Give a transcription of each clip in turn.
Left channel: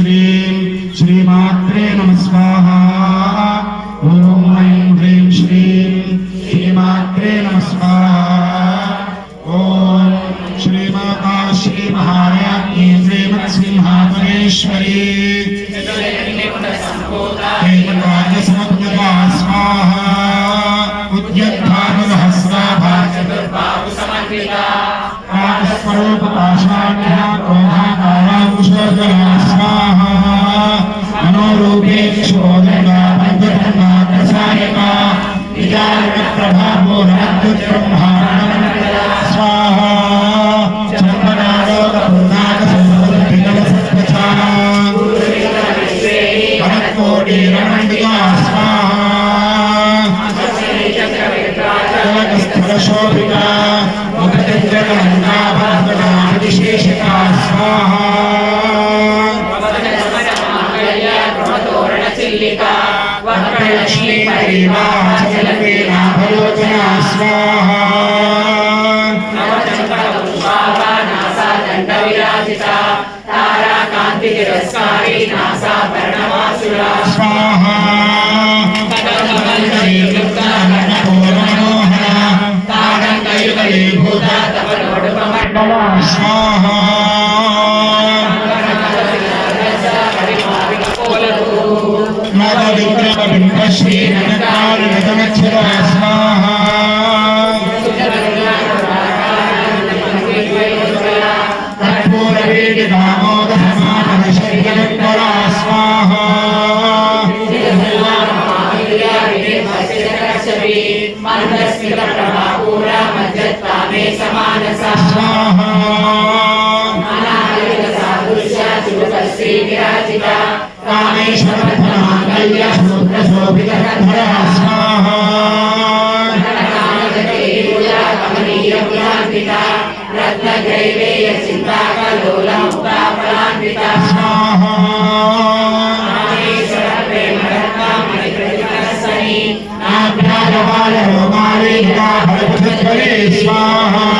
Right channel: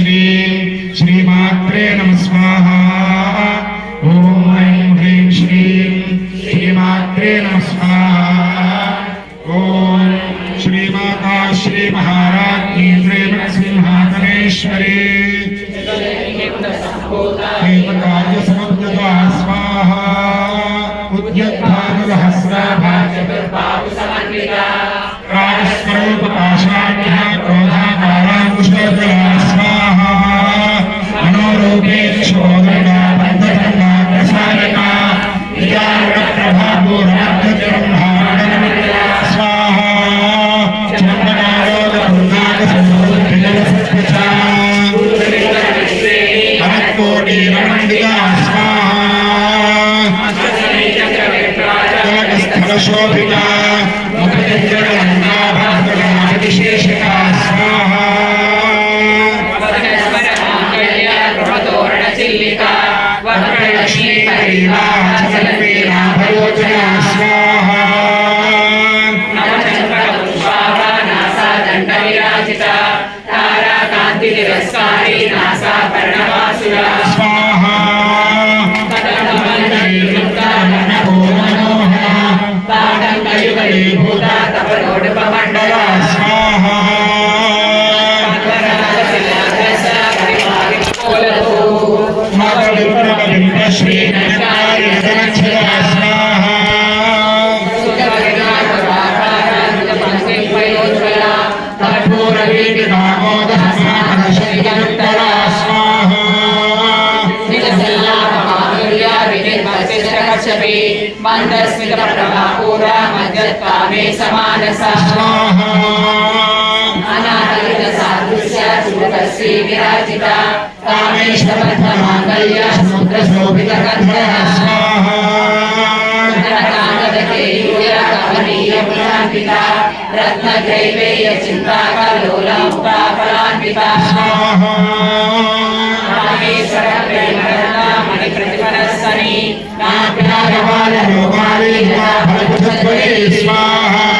Shri. పాదశోభిత ముఖ చంద్రగంగా विराजिता कामेश्वरमाङ्गल्यशूद्रशोभितकन्धरः स्वाहा रत्नग्रैवेयचिन्ताकलोलमुखाफलान्विता स्वाहा स्वाहा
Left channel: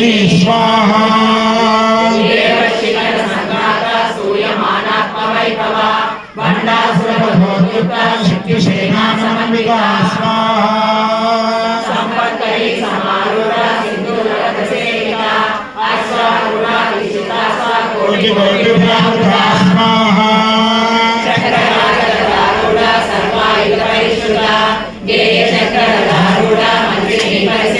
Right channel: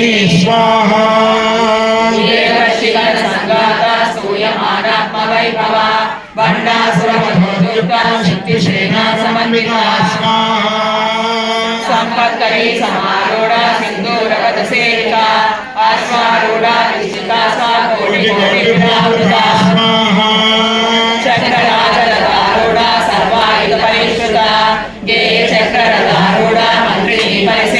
स्वाहा। शक्तिसेनासमन्विता स्वाहा। చక్రధారుడా సర్వాయుధ గేయ చక్రధారుడా మంత్రి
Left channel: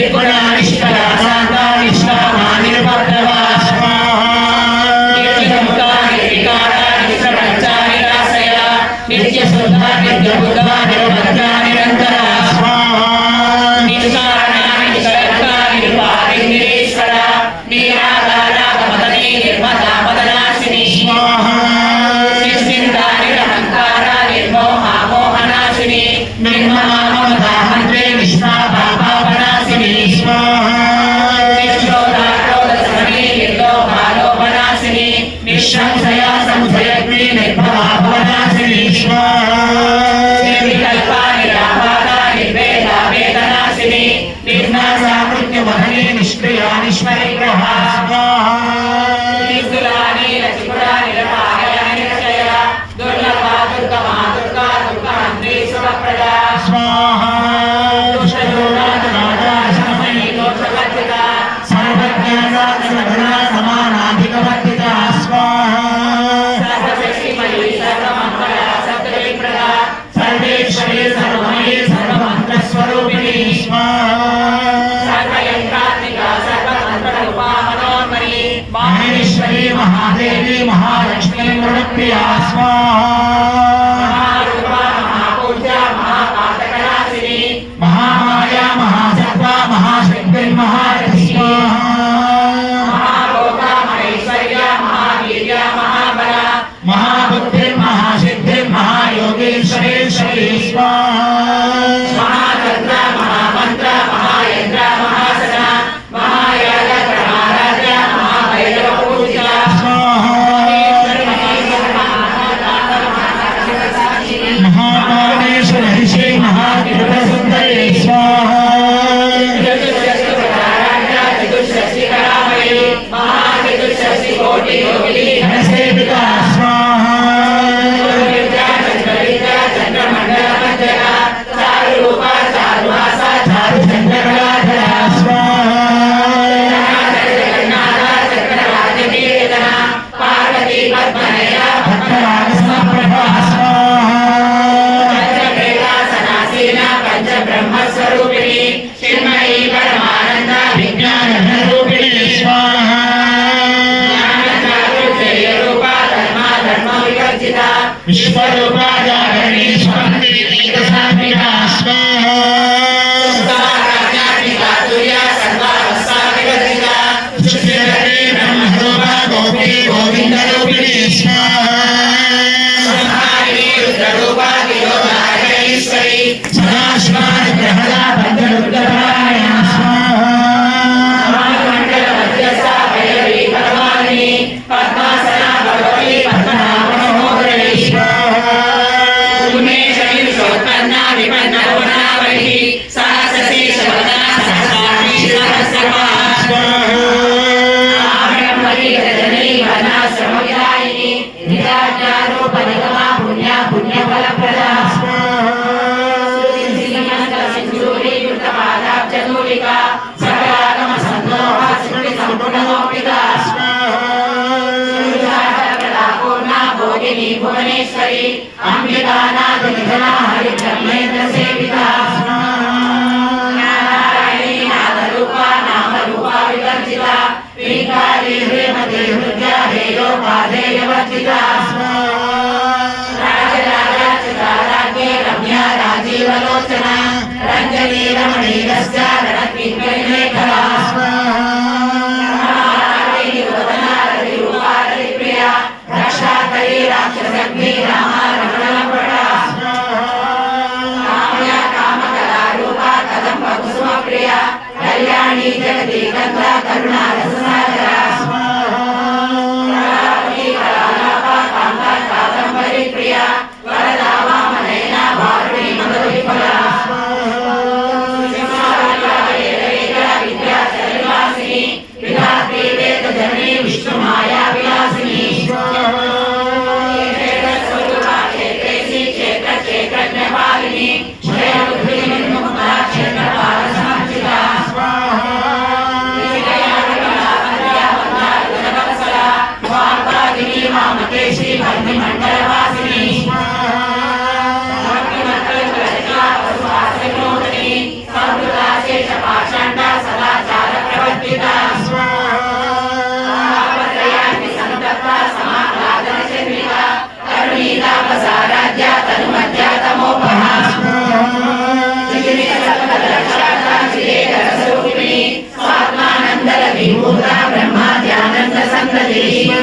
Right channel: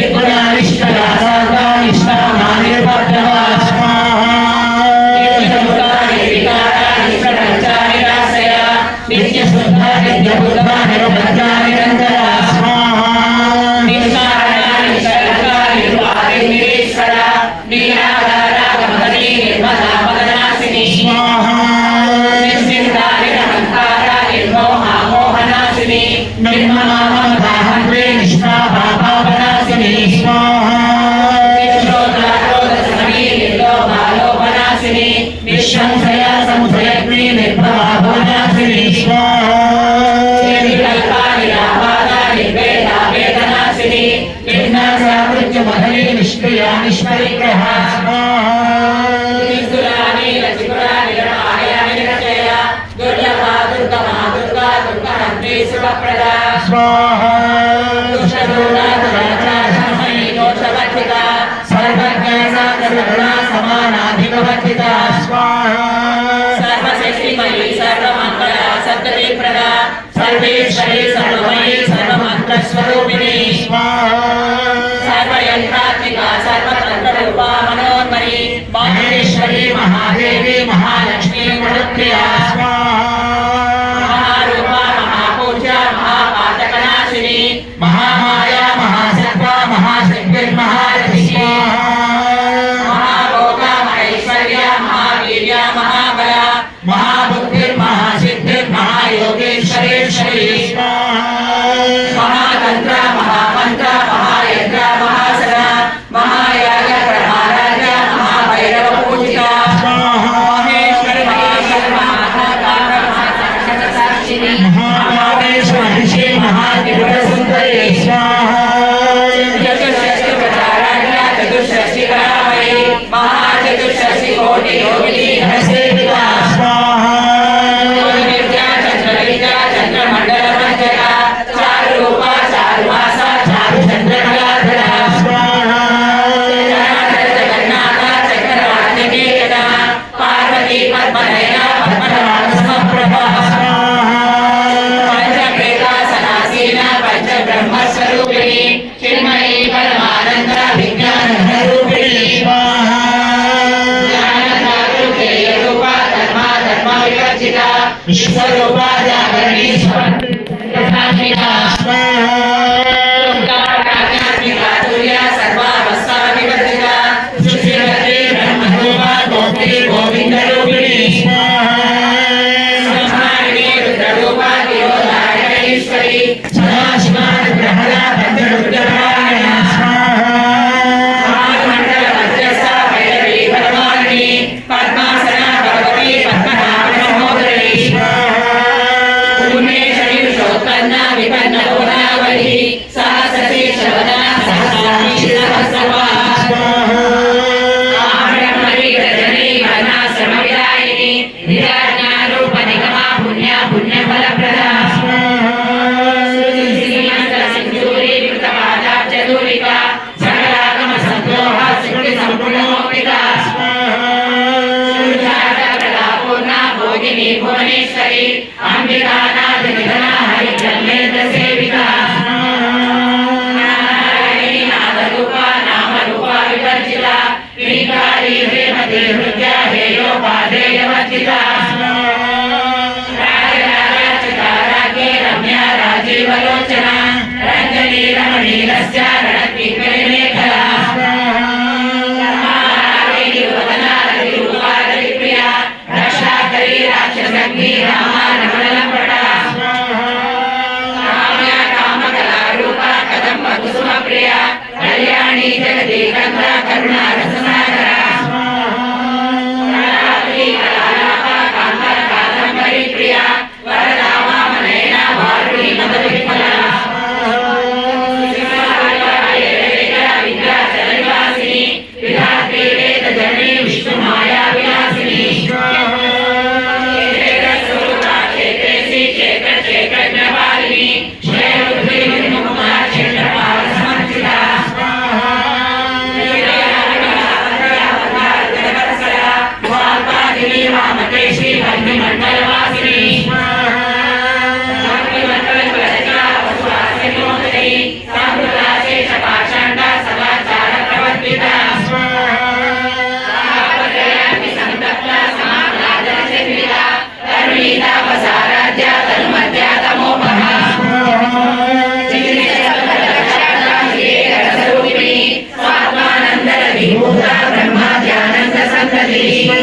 যে কোনো আবিষ্কার Swaha. Espalha o pai. रमणीरस्य गणकीर्तनिलेखया रक्षाकरी राक्षसग्नि Rama रमणलम्पटा Kamya कामकलारूपा कदम्बकुसुमप्रिया Kalyani जगती कन्दा करुणा Amen.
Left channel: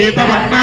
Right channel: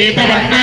పీతవర్ణ